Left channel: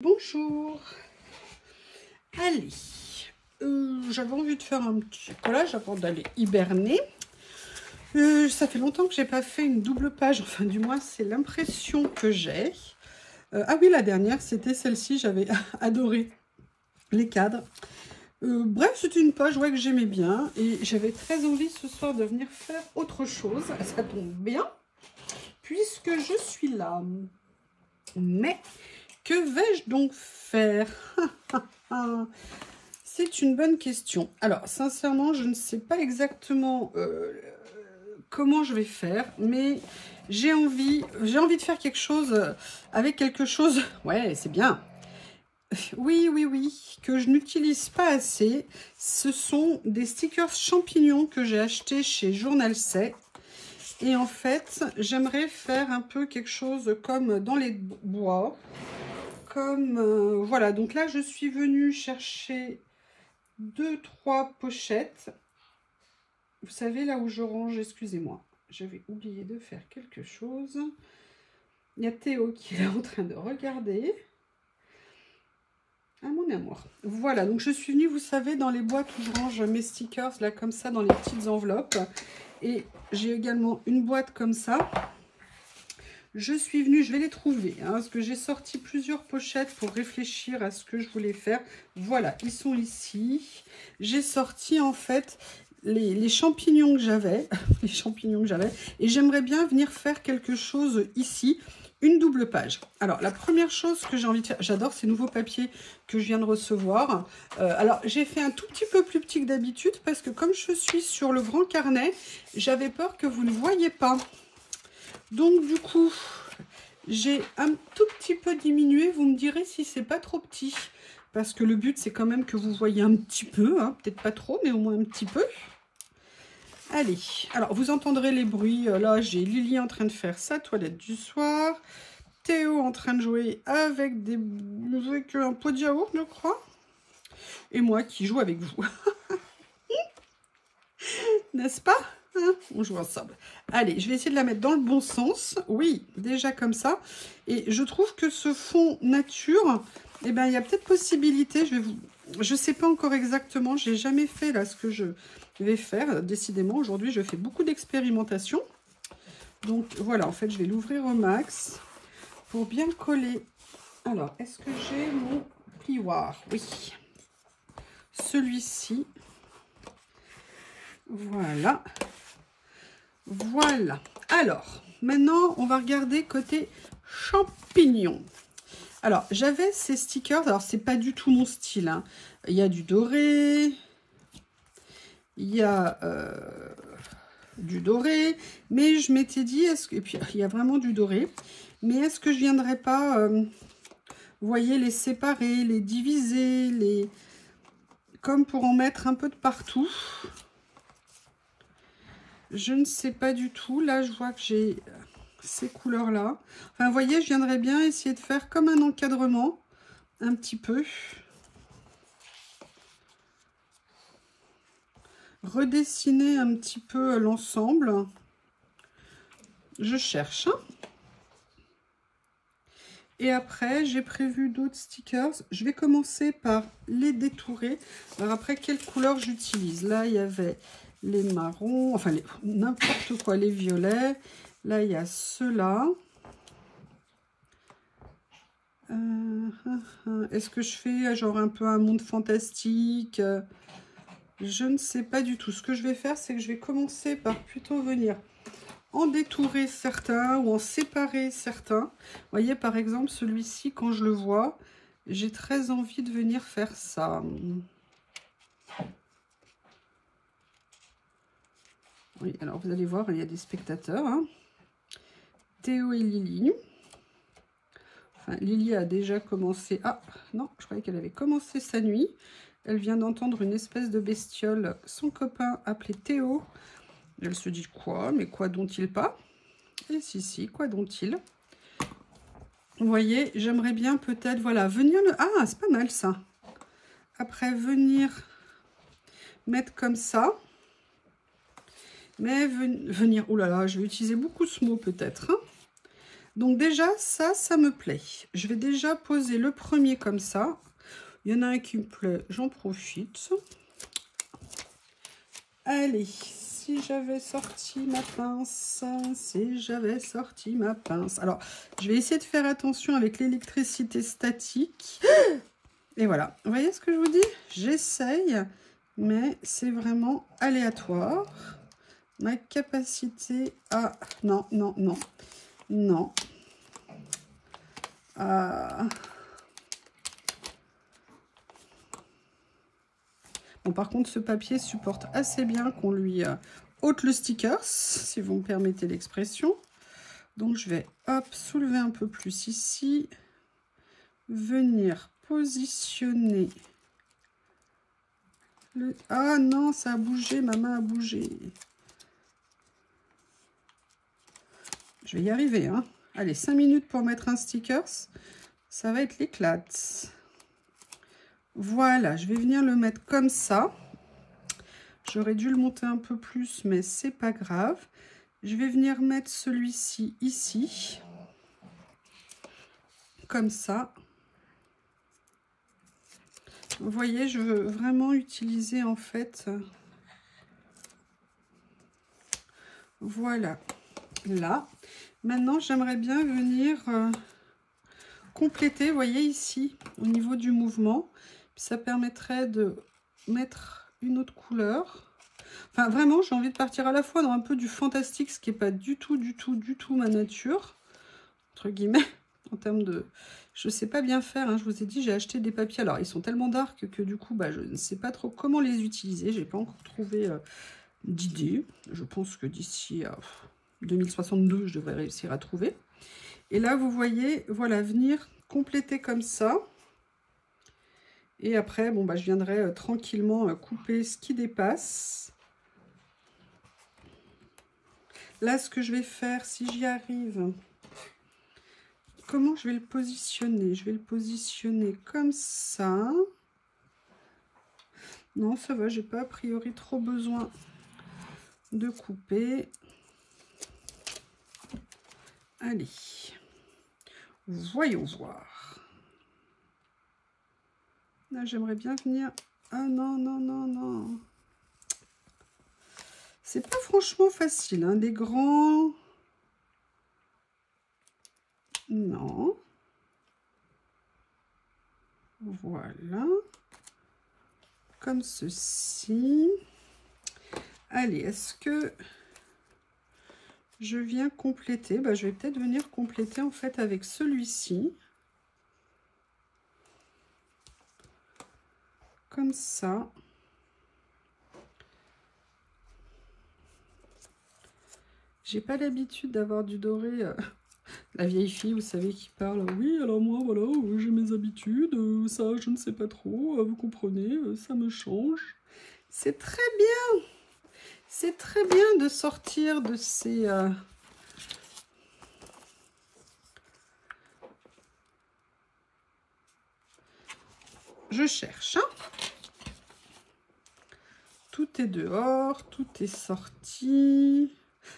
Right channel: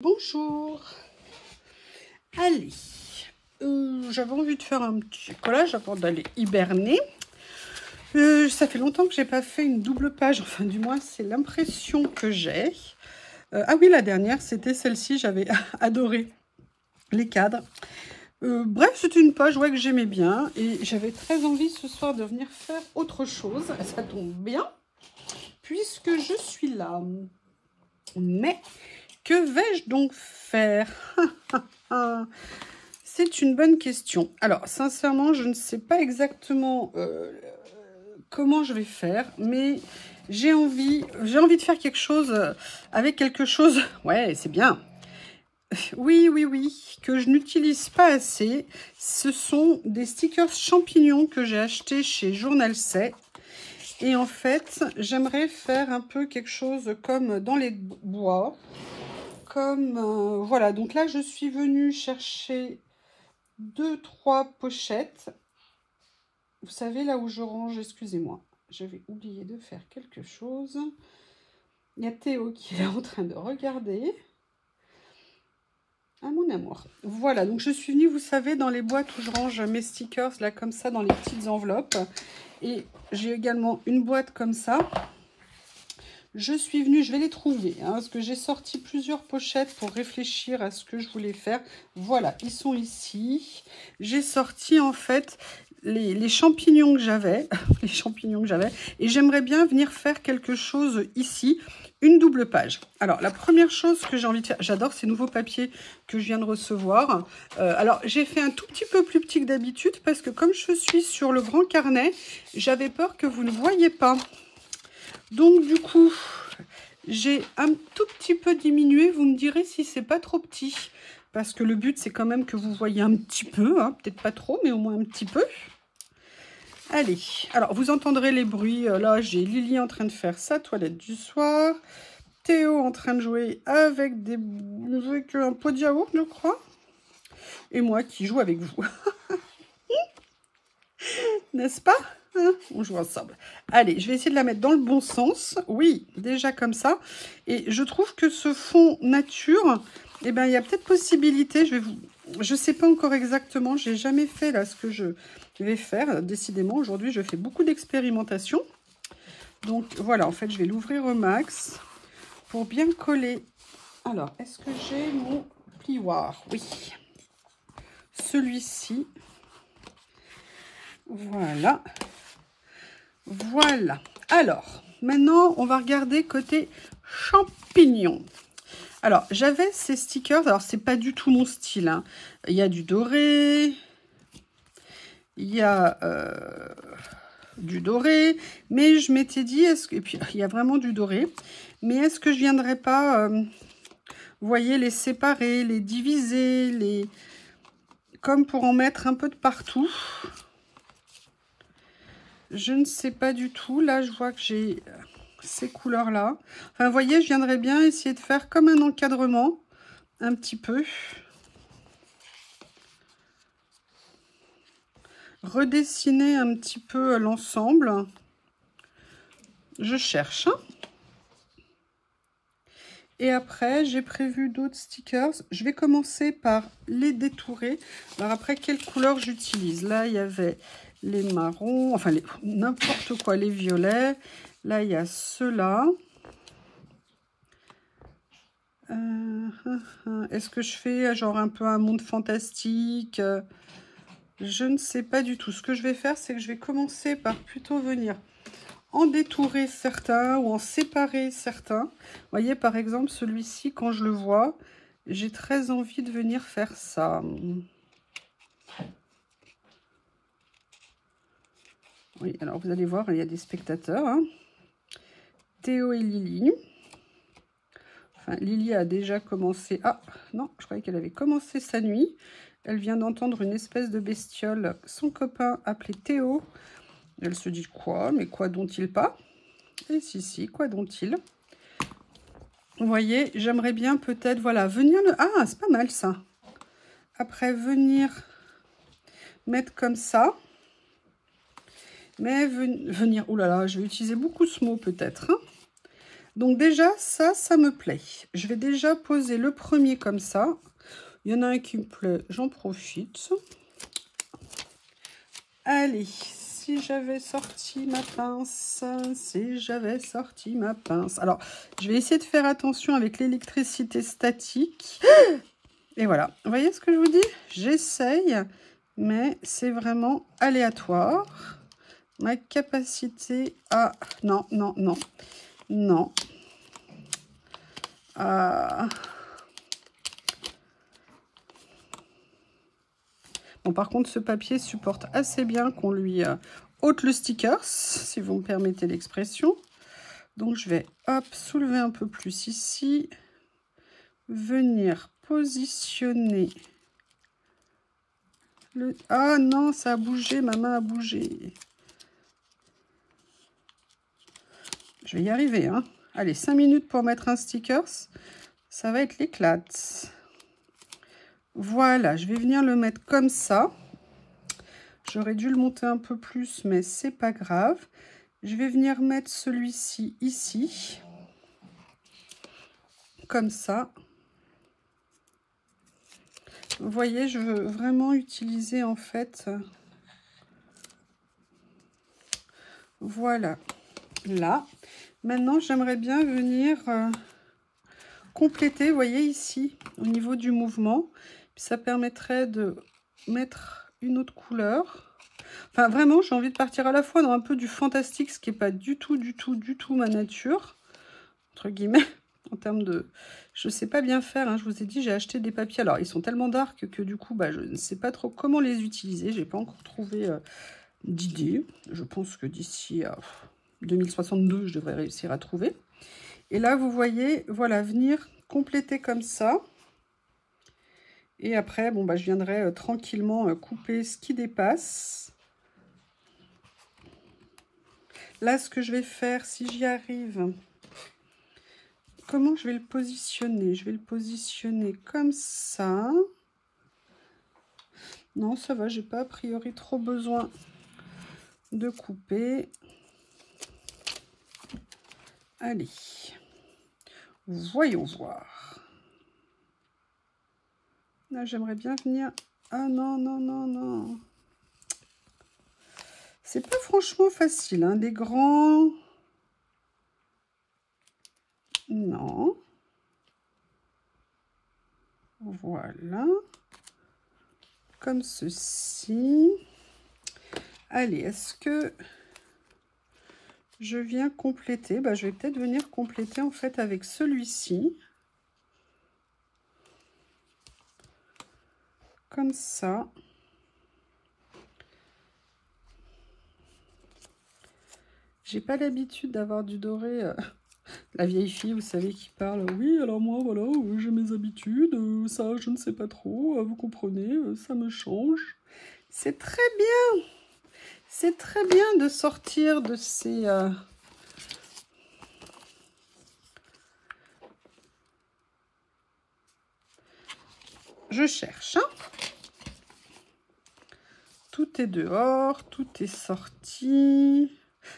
Bonjour. Allez, j'avais envie de faire un petit collage avant d'aller hiberner. Ça fait longtemps que j'ai pas fait une double page, enfin du moins c'est l'impression que j'ai. Ah oui, la dernière c'était celle-ci, j'avais adoré les cadres. Bref, c'était une page que j'aimais bien et j'avais très envie ce soir de venir faire autre chose. Ça tombe bien puisque je suis là. Mais que vais-je donc faire? C'est une bonne question. Alors, sincèrement, je ne sais pas exactement comment je vais faire, mais j'ai envie de faire quelque chose avec quelque chose. Ouais, c'est bien. Oui, que je n'utilise pas assez. Ce sont des stickers champignons que j'ai achetés chez Journal C. Et en fait, j'aimerais faire un peu quelque chose comme dans les bois. Comme voilà, donc là je suis venue chercher 2-3 pochettes. Vous savez, là où je range, excusez-moi, j'avais oublié de faire quelque chose. Il y a Théo qui est là en train de regarder. Ah mon amour. Voilà, donc je suis venue, vous savez, dans les boîtes où je range mes stickers, là comme ça, dans les petites enveloppes. Et j'ai également une boîte comme ça. Je suis venue, je vais les trouver, hein, parce que j'ai sorti plusieurs pochettes pour réfléchir à ce que je voulais faire. Voilà, ils sont ici. J'ai sorti en fait les champignons que j'avais, et j'aimerais bien venir faire quelque chose ici, une double page. Alors, la première chose que j'ai envie de faire, j'adore ces nouveaux papiers que je viens de recevoir. Alors, j'ai fait un tout petit peu plus petit que d'habitude, parce que comme je suis sur le grand carnet, j'avais peur que vous ne voyiez pas. Donc du coup, j'ai un tout petit peu diminué. Vous me direz si c'est pas trop petit. Parce que le but, c'est quand même que vous voyez un petit peu. Hein, peut-être pas trop, mais au moins un petit peu. Allez, alors vous entendrez les bruits. Là, j'ai Lily en train de faire sa toilette du soir. Théo en train de jouer avec un pot de yaourt, je crois. Et moi qui joue avec vous. N'est-ce pas? On joue ensemble. Allez, je vais essayer de la mettre dans le bon sens. Oui, déjà comme ça. Et je trouve que ce fond nature, eh ben, il y a peut-être possibilité. Je sais pas encore exactement. J'ai jamais fait là ce que je vais faire. Décidément, aujourd'hui, je fais beaucoup d'expérimentation. Donc voilà, en fait, je vais l'ouvrir au max pour bien coller. Alors, est-ce que j'ai mon plioir? Oui. Celui-ci. Voilà. Voilà. Alors, maintenant, on va regarder côté champignons. Alors, j'avais ces stickers. Alors, c'est pas du tout mon style. Hein. Il y a du doré. Il y a du doré. Mais je m'étais dit, et puis, il y a vraiment du doré. Mais est-ce que je viendrais pas, vous voyez, les séparer, les diviser, comme pour en mettre un peu de partout. Je ne sais pas du tout. Là, je vois que j'ai ces couleurs-là. Enfin, vous voyez, je viendrais bien essayer de faire comme un encadrement, un petit peu. Redessiner un petit peu l'ensemble. Je cherche. Hein. Et après, j'ai prévu d'autres stickers. Je vais commencer par les détourer. Alors après, quelle couleur j'utilise? Là, il y avait les marrons, enfin n'importe quoi, les violets. Là, il y a ceux-là. Est-ce que je fais genre un peu un monde fantastique? Je ne sais pas du tout. Ce que je vais faire, c'est que je vais commencer par plutôt venir en détourer certains ou en séparer certains. Vous voyez, par exemple, celui-ci, quand je le vois, j'ai très envie de venir faire ça. Oui, alors vous allez voir, il y a des spectateurs. Hein. Théo et Lily. Enfin, Lily a déjà commencé... Ah, non, je croyais qu'elle avait commencé sa nuit. Elle vient d'entendre une espèce de bestiole, son copain appelé Théo. Elle se dit quoi? Mais quoi dont-il pas? Et si, quoi dont-il? Vous voyez, j'aimerais bien peut-être, voilà, venir... Ah, c'est pas mal ça. Après, venir mettre comme ça. Mais venir... Ouh là là, je vais utiliser beaucoup ce mot peut-être. Hein. Donc déjà, ça me plaît. Je vais déjà poser le premier comme ça. Il y en a un qui me plaît, j'en profite. Allez, si j'avais sorti ma pince, si j'avais sorti ma pince. Alors, je vais essayer de faire attention avec l'électricité statique. Et voilà, vous voyez ce que je vous dis? J'essaye, mais c'est vraiment aléatoire. Ma capacité à... Non, non, non, non. Bon, par contre, ce papier supporte assez bien qu'on lui ôte le sticker, si vous me permettez l'expression. Donc, je vais, hop, soulever un peu plus ici. Venir positionner le... Ah non, ça a bougé, ma main a bougé. Je vais y arriver, hein. Allez, 5 minutes pour mettre un sticker. Ça va être l'éclate. Voilà, je vais venir le mettre comme ça. J'aurais dû le monter un peu plus, mais c'est pas grave. Je vais venir mettre celui-ci ici. Comme ça. Vous voyez, je veux vraiment utiliser en fait... Voilà, là. Maintenant, j'aimerais bien venir compléter, vous voyez ici, au niveau du mouvement. Ça permettrait de mettre une autre couleur. Enfin, vraiment, j'ai envie de partir à la fois dans un peu du fantastique, ce qui n'est pas du tout ma nature, entre guillemets, en termes de... Je ne sais pas bien faire, hein. Je vous ai dit, j'ai acheté des papiers. Alors, ils sont tellement dark que du coup, bah, je ne sais pas trop comment les utiliser. Je n'ai pas encore trouvé d'idée. Je pense que d'ici à 2062, je devrais réussir à trouver. Et là, vous voyez, voilà, venir compléter comme ça. Et après, bon, bah, je viendrai tranquillement couper ce qui dépasse. Là, ce que je vais faire, si j'y arrive, comment je vais le positionner? Je vais le positionner comme ça. Non, ça va, j'ai pas a priori trop besoin de couper. Allez, voyons voir. Là, j'aimerais bien venir... Ah non, non, non, non. C'est pas franchement facile, hein, des grands... Non. Voilà. Comme ceci. Allez, est-ce que je viens compléter? Bah, je vais peut-être venir compléter en fait avec celui-ci. Comme ça. J'ai pas l'habitude d'avoir du doré. La vieille fille, vous savez, qui parle. Oui, alors moi, voilà, j'ai mes habitudes. Ça, je ne sais pas trop. Vous comprenez, ça me change. C'est très bien. C'est très bien de sortir de ces... Je cherche, hein. Tout est dehors, tout est sorti.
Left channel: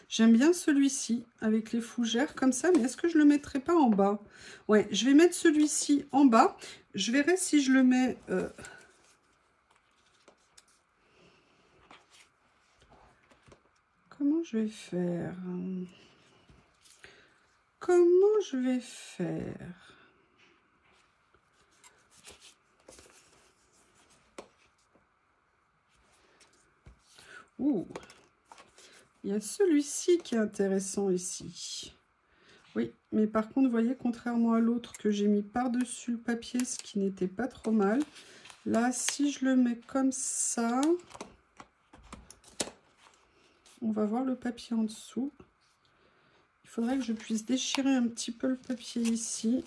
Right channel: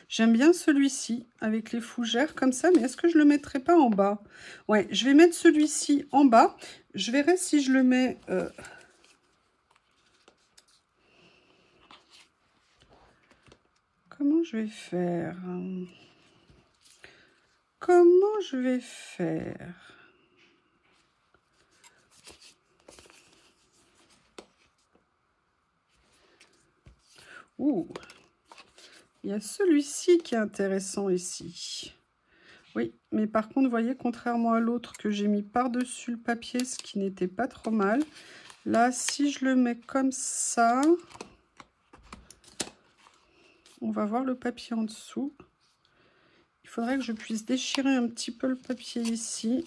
J'aime bien celui-ci avec les fougères comme ça, mais est-ce que je le mettrai pas en bas? Ouais, je vais mettre celui-ci en bas. Je verrai si je le mets... Comment je vais faire? Comment je vais faire? Ouh, il y a celui-ci qui est intéressant ici. Oui, mais par contre, vous voyez, contrairement à l'autre que j'ai mis par-dessus le papier, ce qui n'était pas trop mal. Là, si je le mets comme ça, on va voir le papier en dessous. Il faudrait que je puisse déchirer un petit peu le papier ici.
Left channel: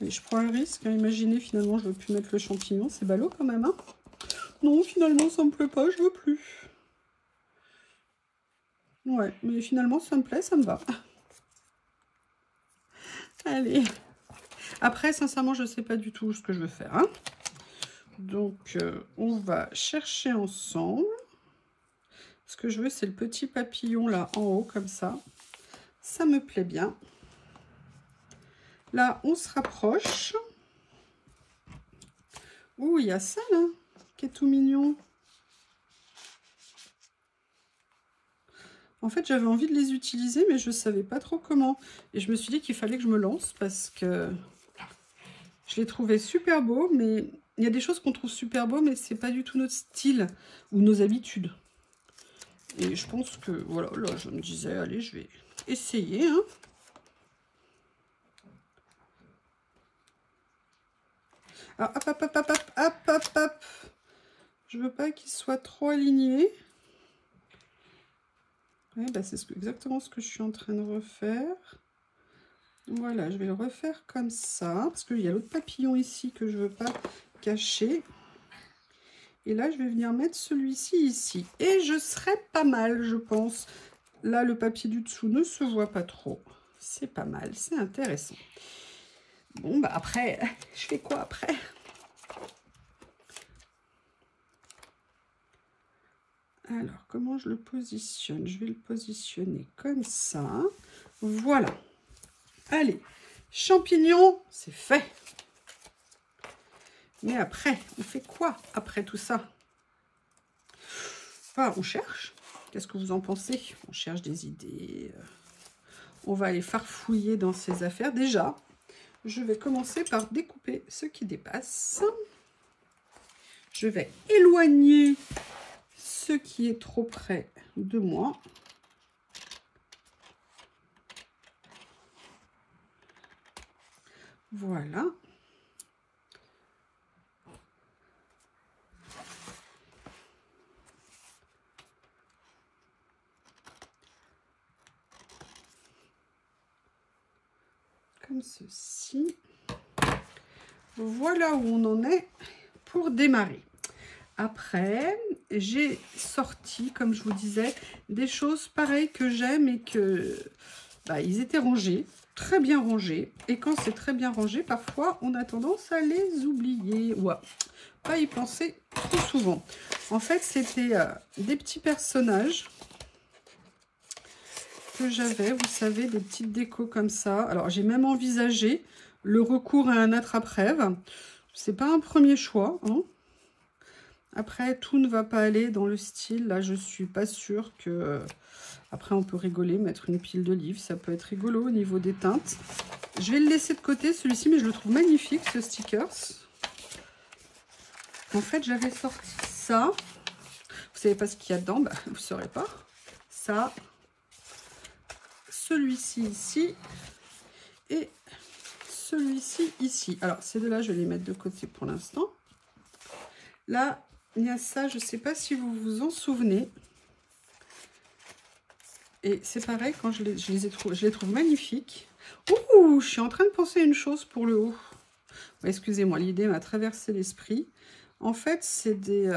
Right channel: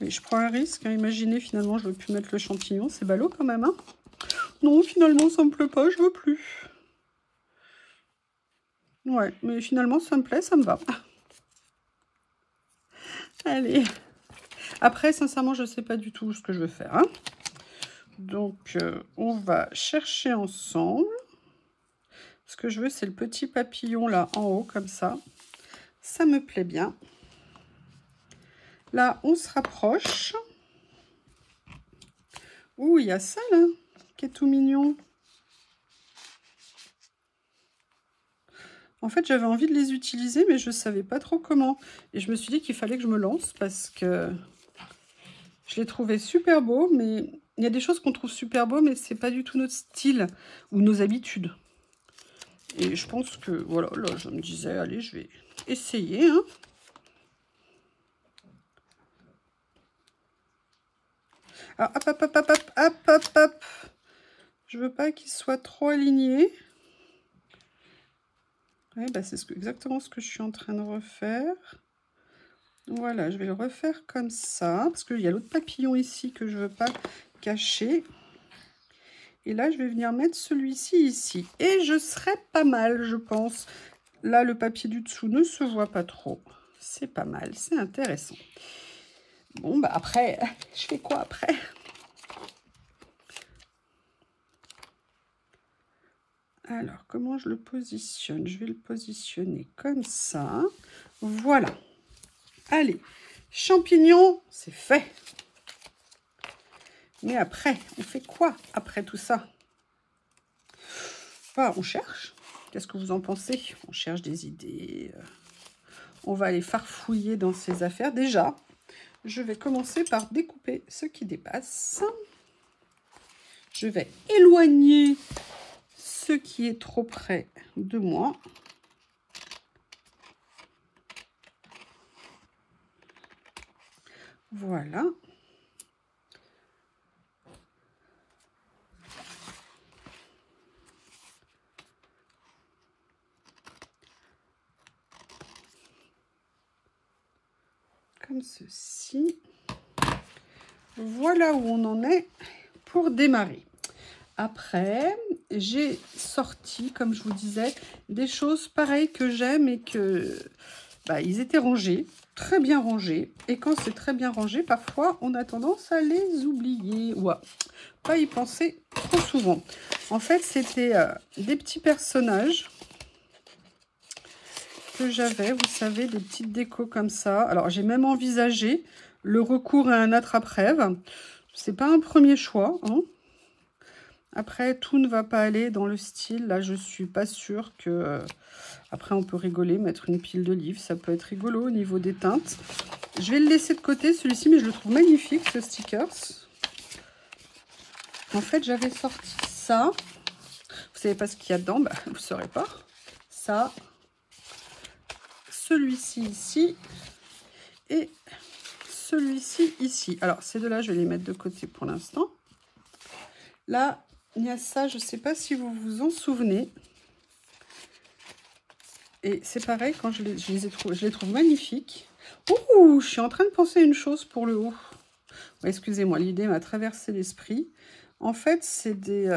Mais je prends un risque, hein. Imaginez, finalement, je ne veux plus mettre le champignon. C'est ballot quand même, hein. Non, finalement, ça me plaît pas, je veux plus. Ouais, mais finalement, ça me plaît, ça me va. Allez. Après, sincèrement, je ne sais pas du tout ce que je veux faire, hein. Donc, on va chercher ensemble. Ce que je veux, c'est le petit papillon là en haut, comme ça. Ça me plaît bien. Là, on se rapproche. Ouh, il y a ça là, qui est tout mignon. En fait, j'avais envie de les utiliser, mais je ne savais pas trop comment. Et je me suis dit qu'il fallait que je me lance parce que je les trouvais super beaux. Mais il y a des choses qu'on trouve super beaux, mais ce n'est pas du tout notre style ou nos habitudes. Et je pense que, voilà, là, je me disais, allez, je vais essayer. Hein. Alors, hop, hop, hop, hop, hop, hop, hop, hop. Je veux pas qu'il soit trop aligné. Ouais, bah c'est exactement ce que je suis en train de refaire. Voilà, je vais le refaire comme ça. Parce qu'il y a l'autre papillon ici que je ne veux pas cacher. Et là, je vais venir mettre celui-ci ici. Et je serai pas mal, je pense. Là, le papier du dessous ne se voit pas trop. C'est pas mal, c'est intéressant. Bon, bah après, je fais quoi après? Alors, comment je le positionne? Je vais le positionner comme ça. Voilà. Allez, champignons, c'est fait. Mais après, on fait quoi après tout ça? Enfin, on cherche. Qu'est-ce que vous en pensez? On cherche des idées. On va aller farfouiller dans ces affaires. Déjà, je vais commencer par découper ce qui dépasse. Je vais éloigner ce qui est trop près de moi. Voilà. Comme ceci. Voilà où on en est pour démarrer. Après, j'ai sorti, comme je vous disais, des choses pareilles que j'aime et que ils étaient rangés, très bien rangés. Et quand c'est très bien rangé, parfois, on a tendance à les oublier ou à pas y penser trop souvent. En fait, c'était des petits personnages que j'avais, vous savez, des petites décos comme ça. Alors, j'ai même envisagé le recours à un attrape-rêve. C'est pas un premier choix, hein. Après, tout ne va pas aller dans le style. Là, je suis pas sûre que... Après, on peut rigoler, mettre une pile de livres. Ça peut être rigolo au niveau des teintes. Je vais le laisser de côté, celui-ci, mais je le trouve magnifique, ce stickers. En fait, j'avais sorti ça. Vous savez pas ce qu'il y a dedans? Bah, vous ne saurez pas. Ça. Celui-ci ici. Et celui-ci ici. Alors, ces deux-là, je vais les mettre de côté pour l'instant. Là, il y a ça, je ne sais pas si vous vous en souvenez. Et c'est pareil, quand je les trouve magnifiques. Ouh, je suis en train de penser à une chose pour le haut. Ouais, excusez-moi, l'idée m'a traversé l'esprit. En fait, c'est des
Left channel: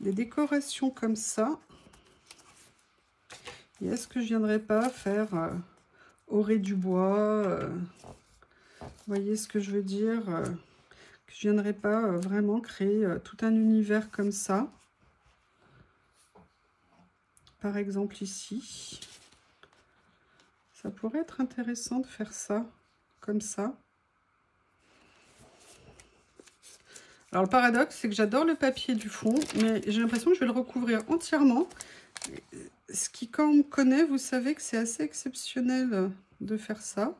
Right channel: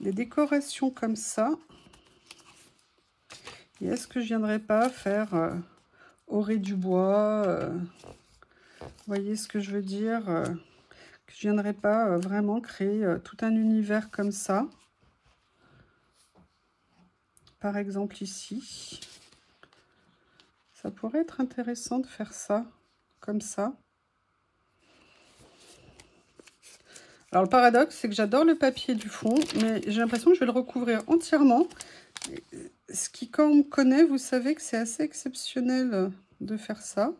décorations comme ça. Et est-ce que je ne viendrais pas faire orée du bois vous voyez ce que je veux dire que je ne viendrais pas vraiment créer tout un univers comme ça. Par exemple ici. Ça pourrait être intéressant de faire ça, comme ça. Alors le paradoxe, c'est que j'adore le papier du fond, mais j'ai l'impression que je vais le recouvrir entièrement. Ce qui, quand on me connaît, vous savez que c'est assez exceptionnel de faire ça.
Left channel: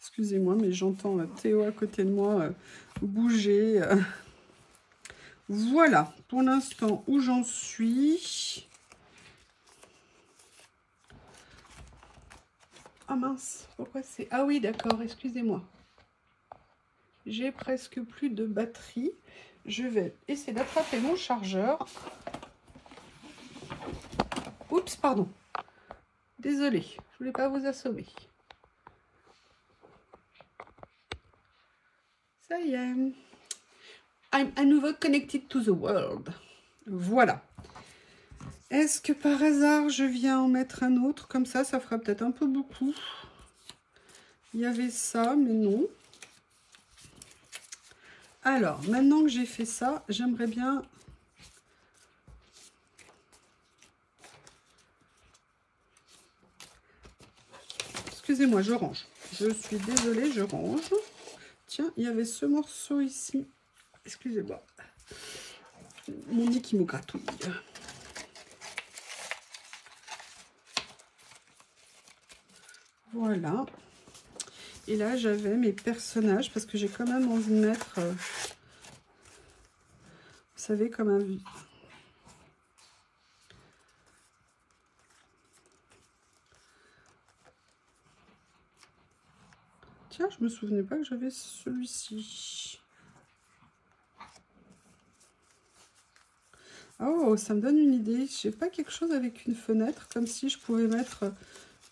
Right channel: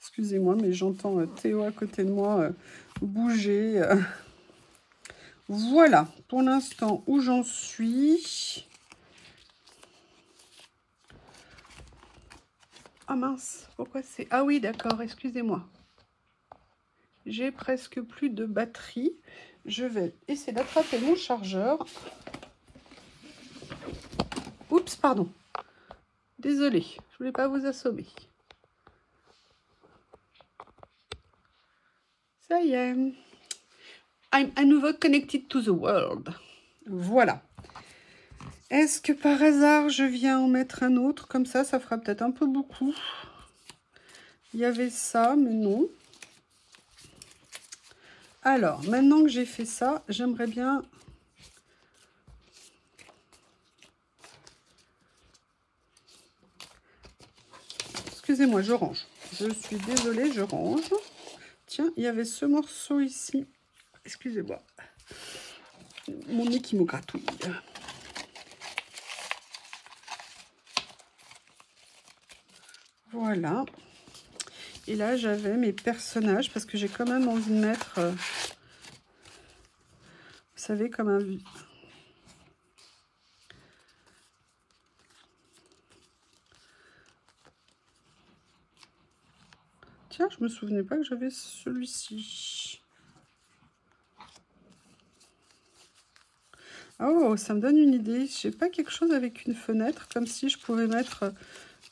Excusez-moi, mais j'entends Théo à côté de moi bouger. Voilà, pour l'instant, où j'en suis. Ah mince, pourquoi c'est... Ah oui, d'accord, excusez-moi. J'ai presque plus de batterie. Je vais essayer d'attraper mon chargeur. Oups, pardon. Désolée, je voulais pas vous assommer. Ça y est. I'm à nouveau connected to the world. Voilà. Est-ce que par hasard, je viens en mettre un autre? Comme ça, ça fera peut-être un peu beaucoup. Il y avait ça, mais non. Alors, maintenant que j'ai fait ça, j'aimerais bien... Excusez-moi, je range. Je suis désolée, je range. Tiens, il y avait ce morceau ici. Excusez-moi. Mon nez qui me gratouille. Voilà. Et là, j'avais mes personnages parce que j'ai quand même envie de mettre, vous savez, comme un... Tiens, je me souvenais pas que j'avais celui-ci. Oh, ça me donne une idée. Je sais pas, quelque chose avec une fenêtre, comme si je pouvais mettre,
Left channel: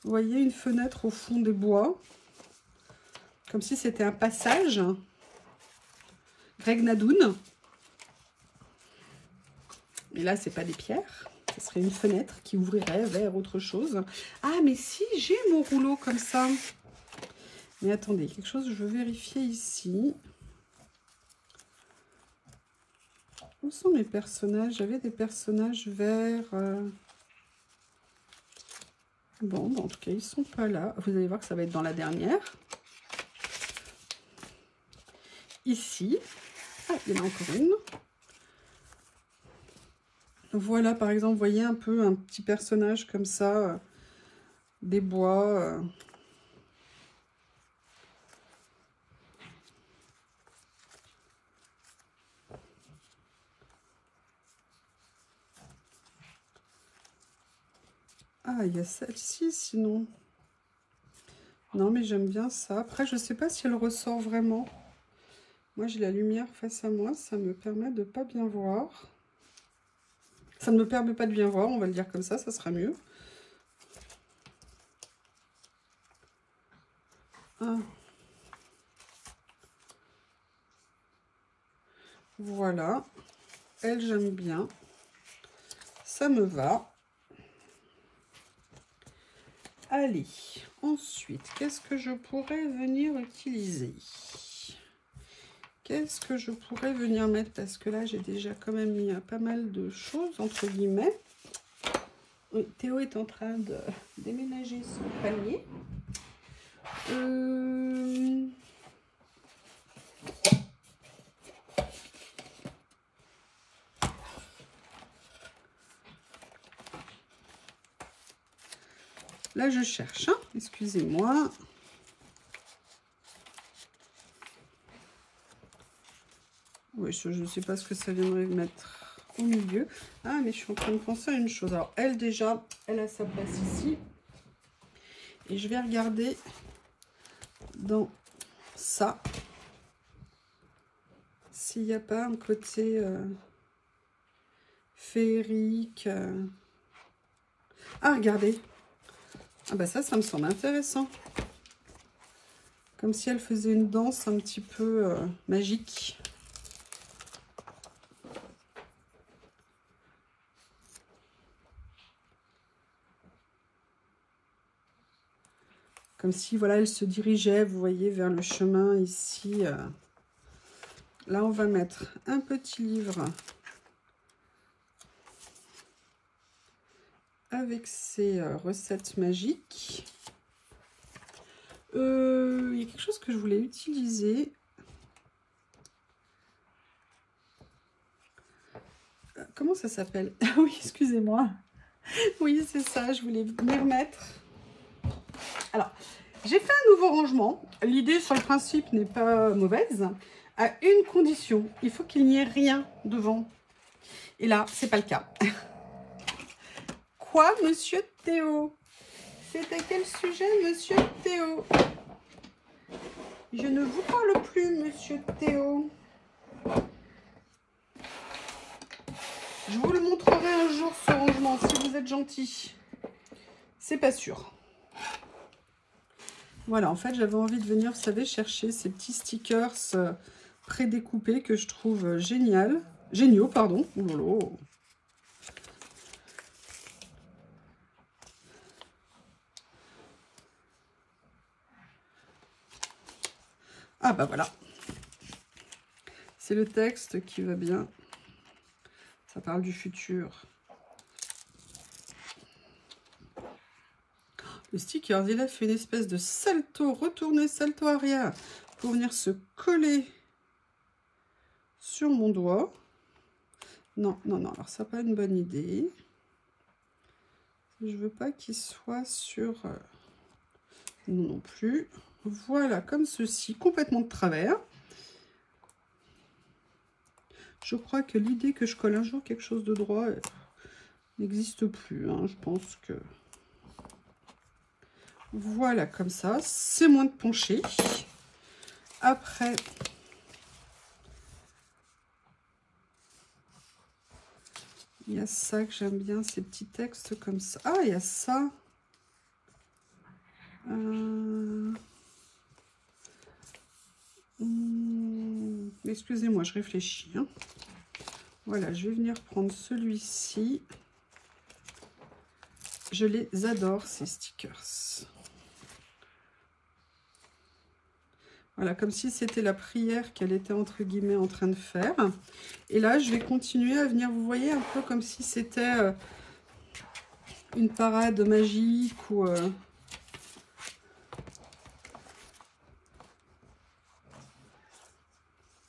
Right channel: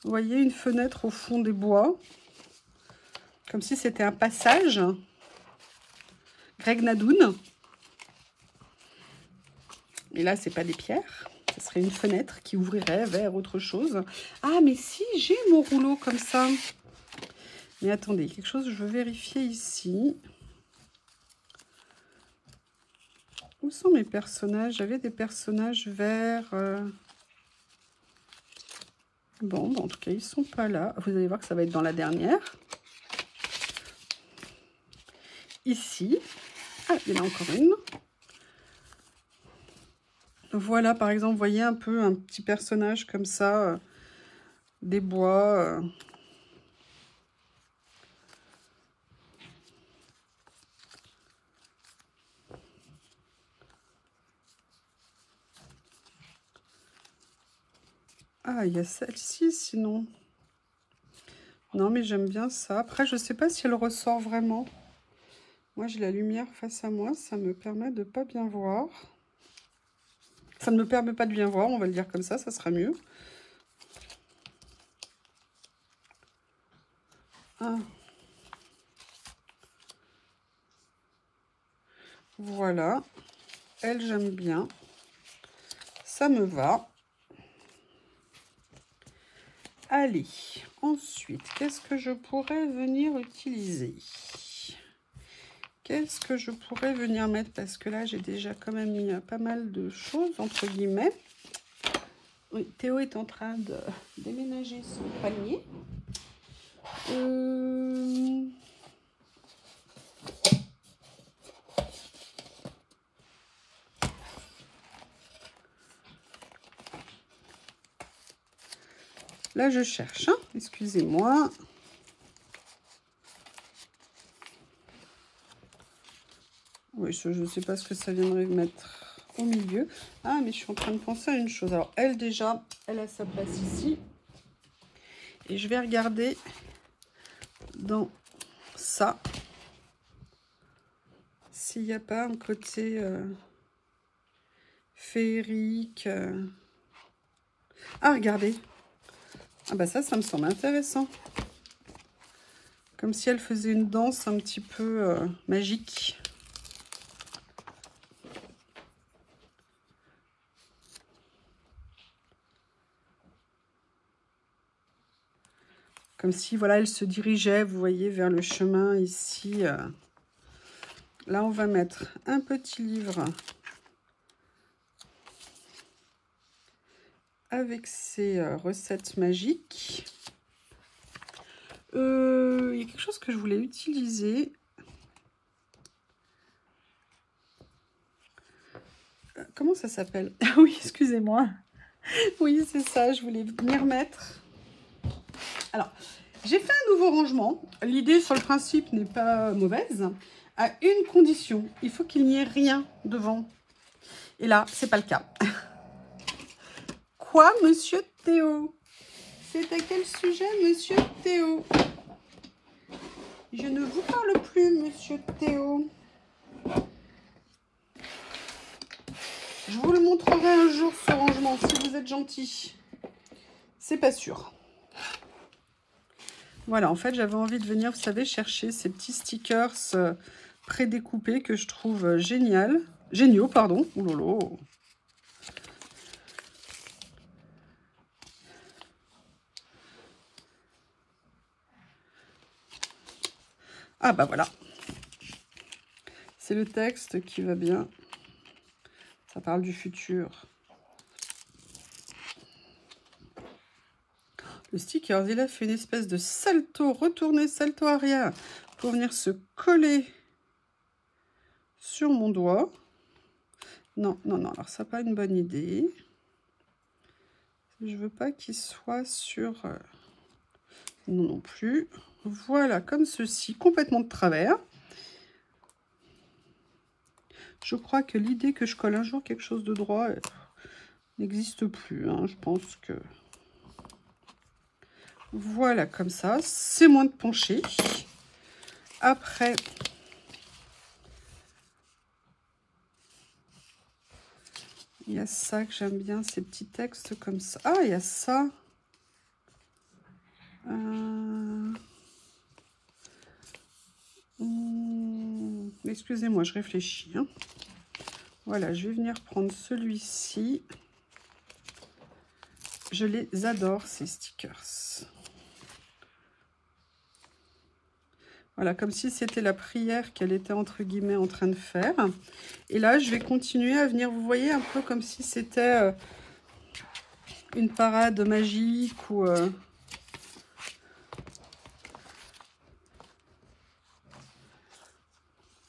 vous voyez, une fenêtre au fond des bois. Comme si c'était un passage. Greg Nadoun. Et là, c'est pas des pierres. Ce serait une fenêtre qui ouvrirait vers autre chose. Ah, mais si, j'ai mon rouleau comme ça. Mais attendez, quelque chose, je veux vérifier ici. Où sont mes personnages? J'avais des personnages verts. Bon, en tout cas, ils sont pas là. Vous allez voir que ça va être dans la dernière. Ici. Ah, il y en a encore une. Voilà, par exemple, vous voyez un peu un petit personnage comme ça. Des bois. Ah, il y a celle-ci, sinon. Non, mais j'aime bien ça. Après, je ne sais pas si elle ressort vraiment. Moi, j'ai la lumière face à moi. Ça me permet de pas bien voir. Ça ne me permet pas de bien voir, on va le dire comme ça sera mieux. Ah. Voilà. Elle, j'aime bien. Ça me va. Allez, ensuite, qu'est-ce que je pourrais venir utiliser? Qu'est-ce que je pourrais venir mettre? Parce que là, j'ai déjà quand même mis pas mal de choses, entre guillemets. Oui, Théo est en train de déménager son panier. Là, je cherche, hein. Excusez-moi. Oui, je ne sais pas ce que ça viendrait de mettre au milieu. Ah, mais je suis en train de penser à une chose. Alors, elle, déjà, elle a sa place ici. Et je vais regarder dans ça s'il n'y a pas un côté féerique. Ah, regardez. Ah bah ça me semble intéressant. Comme si elle faisait une danse un petit peu magique. Comme si, voilà, elle se dirigeait, vous voyez, vers le chemin ici. Là, on va mettre un petit livre avec ses recettes magiques. Il y a quelque chose que je voulais utiliser. Comment ça s'appelle? Ah oui, excusez-moi. Oui, c'est ça, je voulais venir mettre. Alors, j'ai fait un nouveau rangement. L'idée sur le principe n'est pas mauvaise. À une condition, il faut qu'il n'y ait rien devant. Et là, c'est pas le cas. Quoi, monsieur Théo? C'est à quel sujet, monsieur Théo? Je ne vous parle plus, monsieur Théo. Je vous le montrerai un jour, ce rangement, si vous êtes gentil. C'est pas sûr. Voilà, en fait, j'avais envie de venir, vous savez, chercher ces petits stickers prédécoupés que je trouve géniaux, pardon. Oh là là. Ah bah voilà. C'est le texte qui va bien. Ça parle du futur. Le sticker, il a fait une espèce de salto, retourné, salto arrière pour venir se coller sur mon doigt. Non, non, non, alors ça n'a pas une bonne idée. Je veux pas qu'il soit sur... non, non plus. Voilà, comme ceci, complètement de travers. Je crois que l'idée que je colle un jour quelque chose de droit n'existe plus. Hein. Je pense que... Voilà, comme ça. C'est moins de pencher. Après... il y a ça que j'aime bien, ces petits textes comme ça. Ah, il y a ça. Excusez-moi, je réfléchis. Hein. Voilà, je vais venir prendre celui-ci. Je les adore, ces stickers. Voilà, comme si c'était la prière qu'elle était entre guillemets en train de faire. Et là, je vais continuer à venir, vous voyez, un peu comme si c'était une parade magique ou...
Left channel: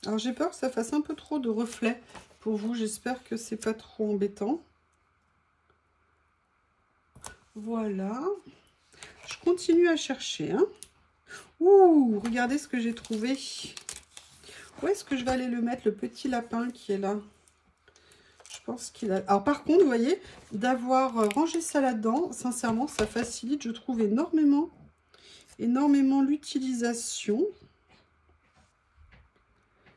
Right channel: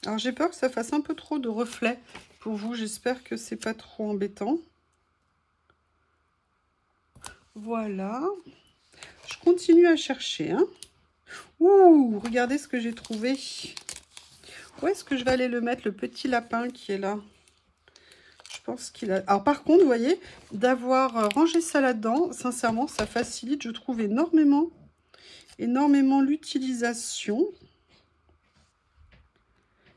Alors, j'ai peur que ça fasse un peu trop de reflets pour vous. J'espère que c'est pas trop embêtant. Voilà. Je continue à chercher. Hein. Ouh, regardez ce que j'ai trouvé. Où est-ce que je vais aller le mettre, le petit lapin qui est là? Je pense qu'il a... Alors, par contre, vous voyez, d'avoir rangé ça là-dedans, sincèrement, ça facilite, je trouve, énormément l'utilisation.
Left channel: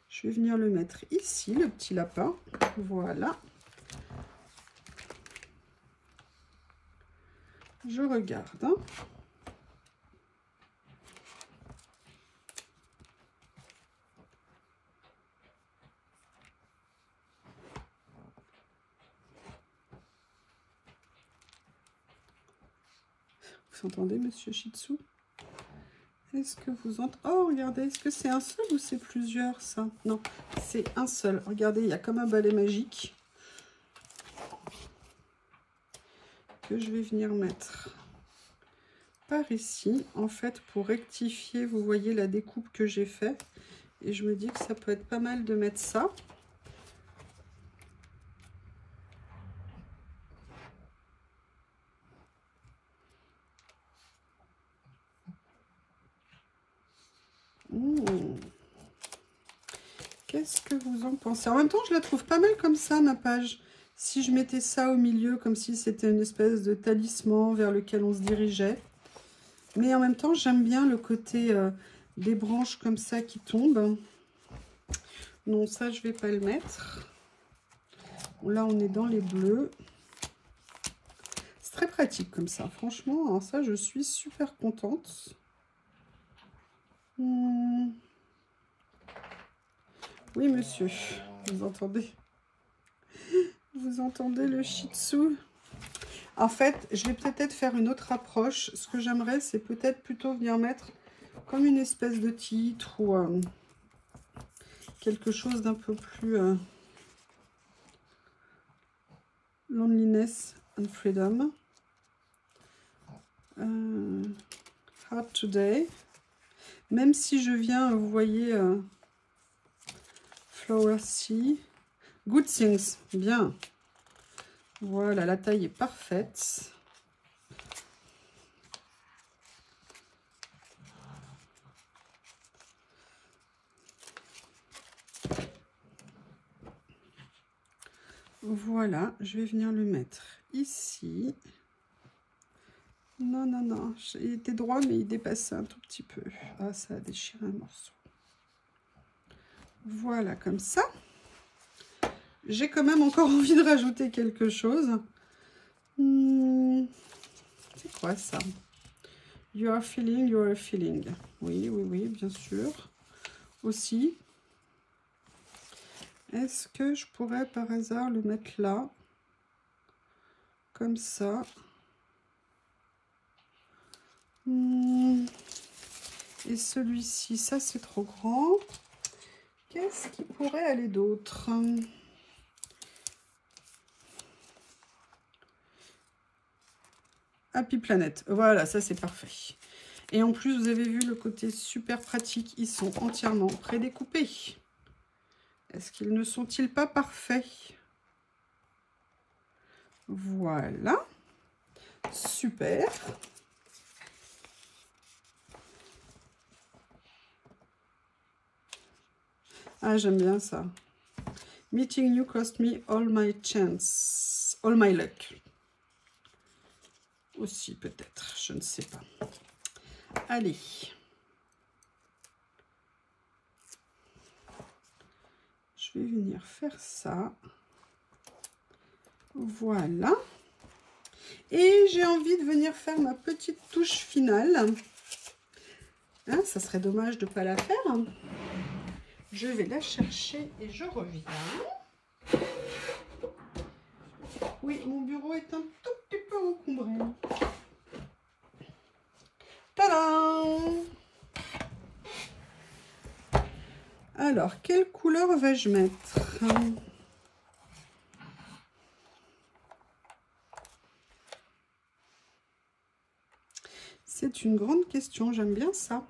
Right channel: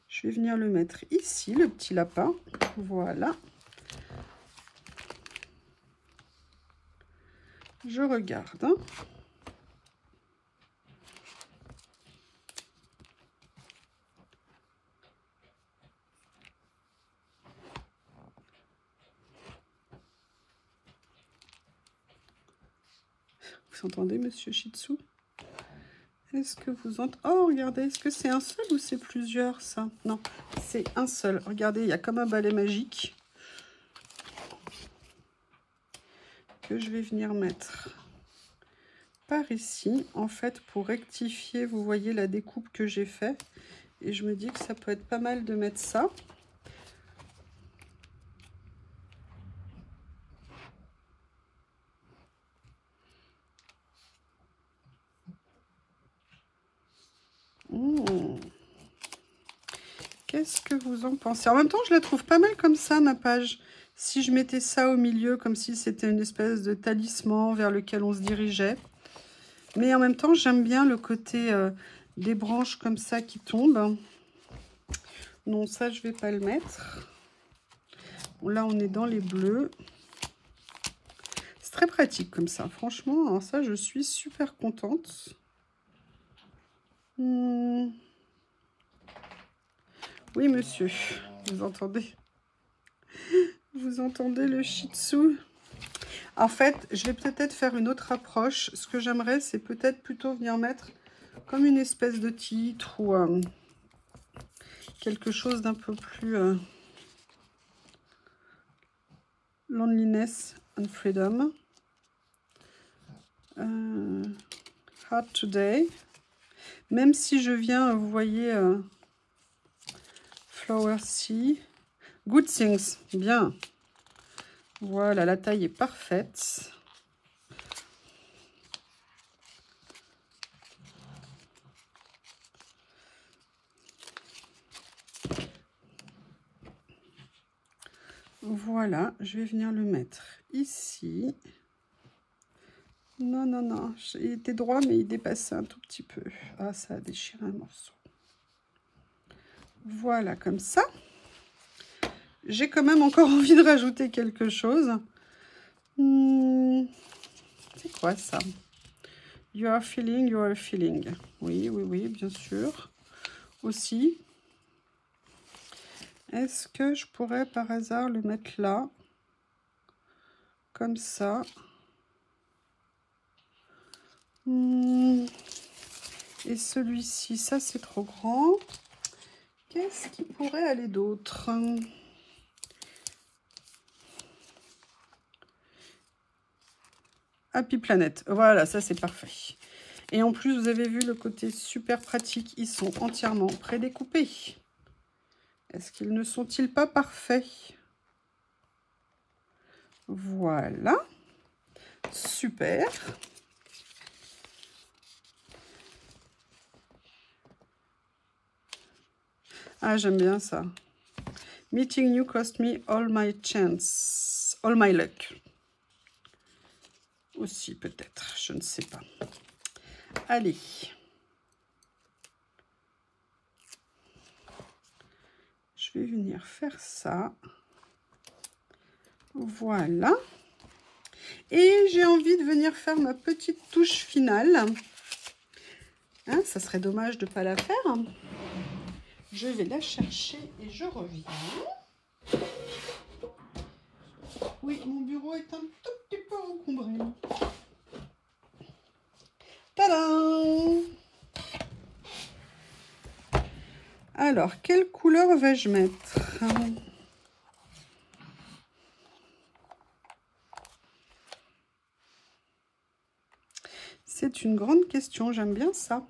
Je vais venir le mettre ici, le petit lapin. Voilà. Je regarde. Hein. Vous entendez, monsieur Shih Tzu? Est-ce que vous entendez? Oh, regardez, est-ce que c'est un seul ou c'est plusieurs, ça? Non, c'est un seul. Regardez, il y a comme un balai magique que je vais venir mettre par ici, en fait, pour rectifier, vous voyez la découpe que j'ai fait. Et je me dis que ça peut être pas mal de mettre ça. Qu'est-ce que vous en pensez? En même temps, je la trouve pas mal comme ça, ma page. Si je mettais ça au milieu, comme si c'était une espèce de talisman vers lequel on se dirigeait. Mais en même temps, j'aime bien le côté des branches comme ça qui tombent. Non, ça, je vais pas le mettre. Bon, là, on est dans les bleus. C'est très pratique comme ça. Franchement, alors ça, je suis super contente. Oui, monsieur, vous entendez? Vous entendez le Shih Tzu? En fait, je vais peut-être faire une autre approche. Ce que j'aimerais, c'est peut-être plutôt venir mettre comme une espèce de titre ou quelque chose d'un peu plus Loneliness and Freedom. Hard Today. Même si je viens, vous voyez, Flower Sea. Good Things, bien. Voilà, la taille est parfaite. Voilà, je vais venir le mettre ici. Non, non, non, il était droit, mais il dépassait un tout petit peu. Ah, ça a déchiré un morceau. Voilà, comme ça. J'ai quand même encore envie de rajouter quelque chose. C'est quoi ça? You are feeling, you are feeling. Oui, oui, oui, bien sûr. Aussi. Est-ce que je pourrais par hasard le mettre là? Comme ça. Et celui-ci, ça c'est trop grand. Qu'est-ce qui pourrait aller d'autre? Happy Planet. Voilà, ça c'est parfait. Et en plus, vous avez vu le côté super pratique. Ils sont entièrement prédécoupés. Est-ce qu'ils ne sont-ils pas parfaits? Voilà. Super. Ah, j'aime bien ça. Meeting you cost me all my chance. All my luck. Aussi peut-être, je ne sais pas. Allez. Je vais venir faire ça. Voilà. Et j'ai envie de venir faire ma petite touche finale. Hein, ça serait dommage de ne pas la faire. Je vais la chercher et je reviens. Oui, mon bureau est un tout petit peu encombré. Tadam! Alors, quelle couleur vais-je mettre? C'est une grande question, j'aime bien ça.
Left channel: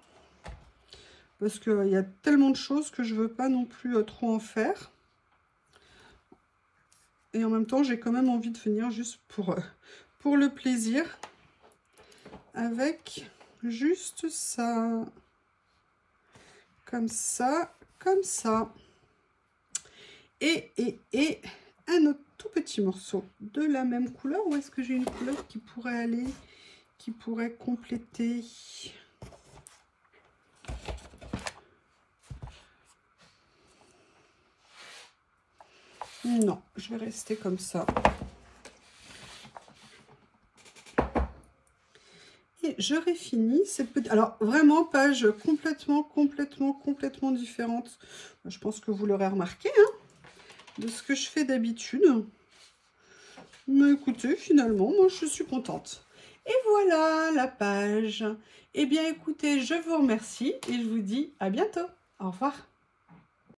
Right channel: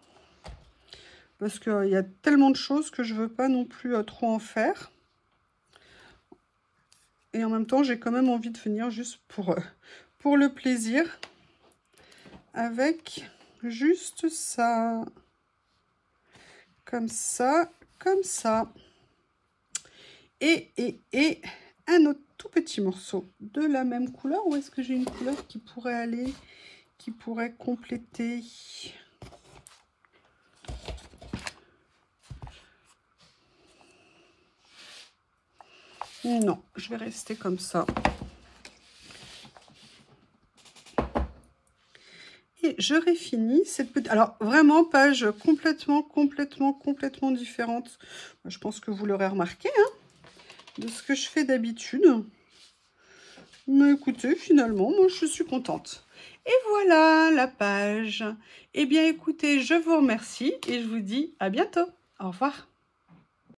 Parce qu'il y a tellement de choses que je ne veux pas non plus trop en faire. Et en même temps, j'ai quand même envie de venir juste pour le plaisir. Avec juste ça. Comme ça, comme ça. Et un autre tout petit morceau de la même couleur. Ou est-ce que j'ai une couleur qui pourrait aller, qui pourrait compléter? Non, je vais rester comme ça. Et j'aurai fini cette petite... Alors, vraiment, page complètement différente. Je pense que vous l'aurez remarqué, hein, de ce que je fais d'habitude. Mais écoutez, finalement, moi, je suis contente. Et voilà la page. Eh bien, écoutez, je vous remercie et je vous dis à bientôt. Au revoir.